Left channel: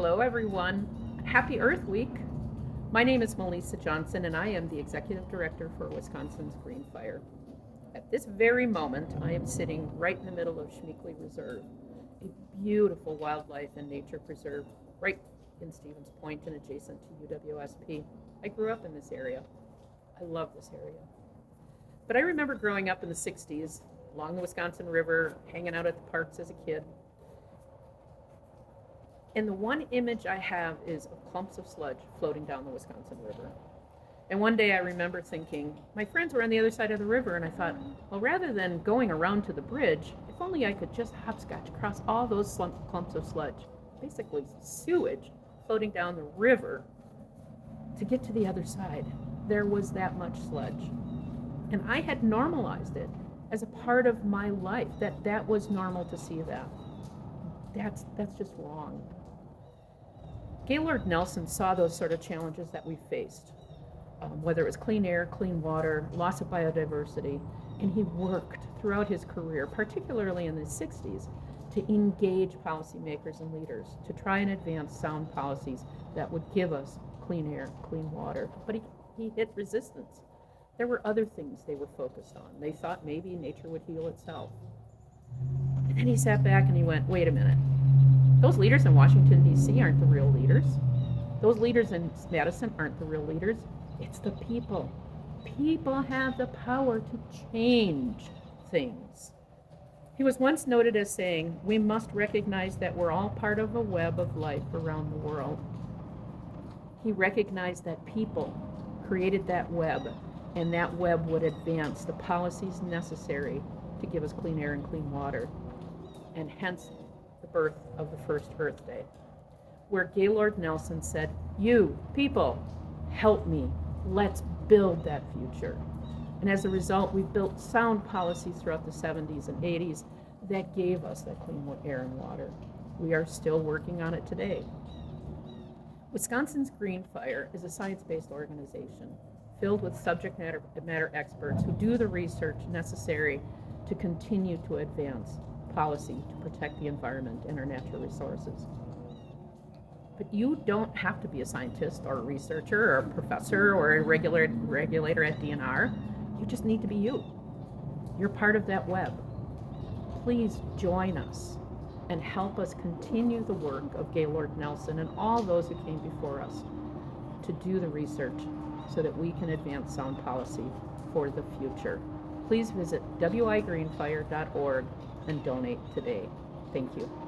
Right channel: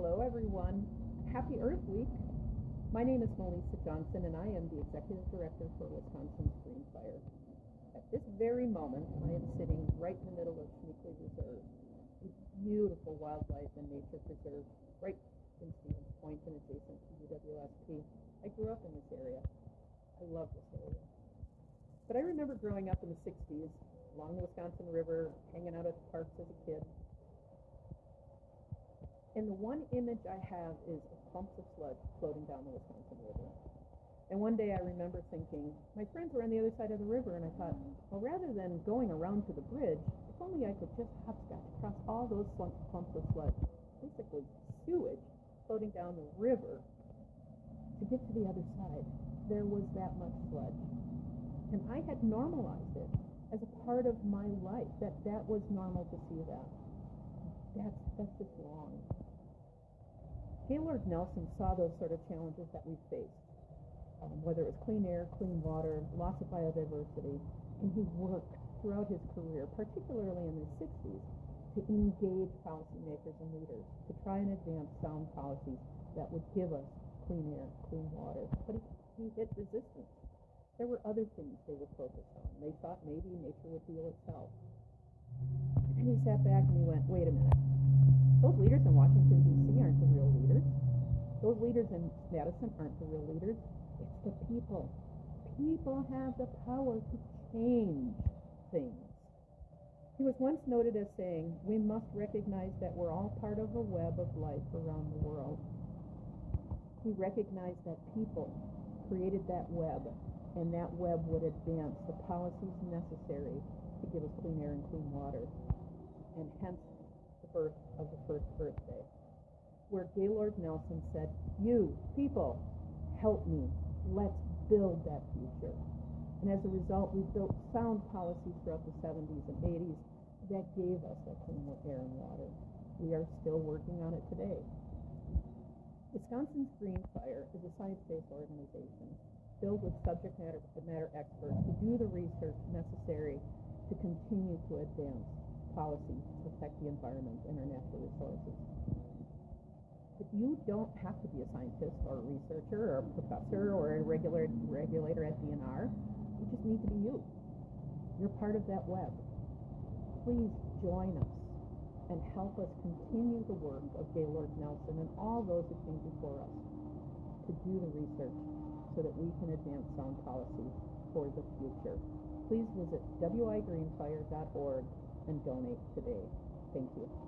Hello, everyone. Happy Earth Week. My name is Meleesa Johnson, and I am the Executive Director for Wisconsin's Green Fire. At this very moment, I am sitting right in the middle of Schmeekley Reserve, a beautiful wildlife and nature preserve right in Stevens Point and adjacent to UWSP. I grew up in this area. I love this area. But I remember growing up in the 60s along the Wisconsin River, hanging out at the parks as a kid. And the one image I have is of clumps of sludge floating down the Wisconsin River. And one day I remember thinking, my friends were on the other side of the river, and I thought, well, rather than going around to the bridge, if only I could just hopscotch across all those clumps of sludge, basically sewage, floating down the river to get to the other side. There was that much sludge. And I had normalized it as a part of my life, that was normal to see that. That's just wrong. Gaylord Nelson saw those sort of challenges that we faced, whether it was clean air, clean water, loss of biodiversity, and he worked throughout his career, particularly in the 60s, to engage policymakers and leaders to try and advance sound policies that would give us clean air, clean water. But he hit resistance. There were other things they were focused on. They thought maybe nature would heal itself. And then he sat back and he went, wait a minute. Those leaders in Washington, D.C. aren't the real leaders. Those leaders in Madison aren't the real leaders. It's the people. People have the power to change things. He was once noted as saying, we must recognize that we're all part of a web of life around the world. He recognized that people created that web, and that web would advance the policies necessary to give us clean air and clean water, and hence the birth of the first Earth Day, where Gaylord Nelson said, you, people, help me. Let's build that future. And as a result, we built sound policies throughout the 70s and 80s that gave us that clean air and water. We are still working on it today. Wisconsin's Green Fire is a science-based organization filled with subject matter experts who do the research necessary to continue to advance policy to protect the environment and our natural resources. But you don't have to be a scientist or a researcher or a professor or a regulator at DNR. You just need to be you. You're part of that web. Please join us and help us continue the work of Gaylord Nelson and all those who came before us to do the research so that we can advance sound policy for the future. Please visit wigreenfire.org and donate today. Thank you.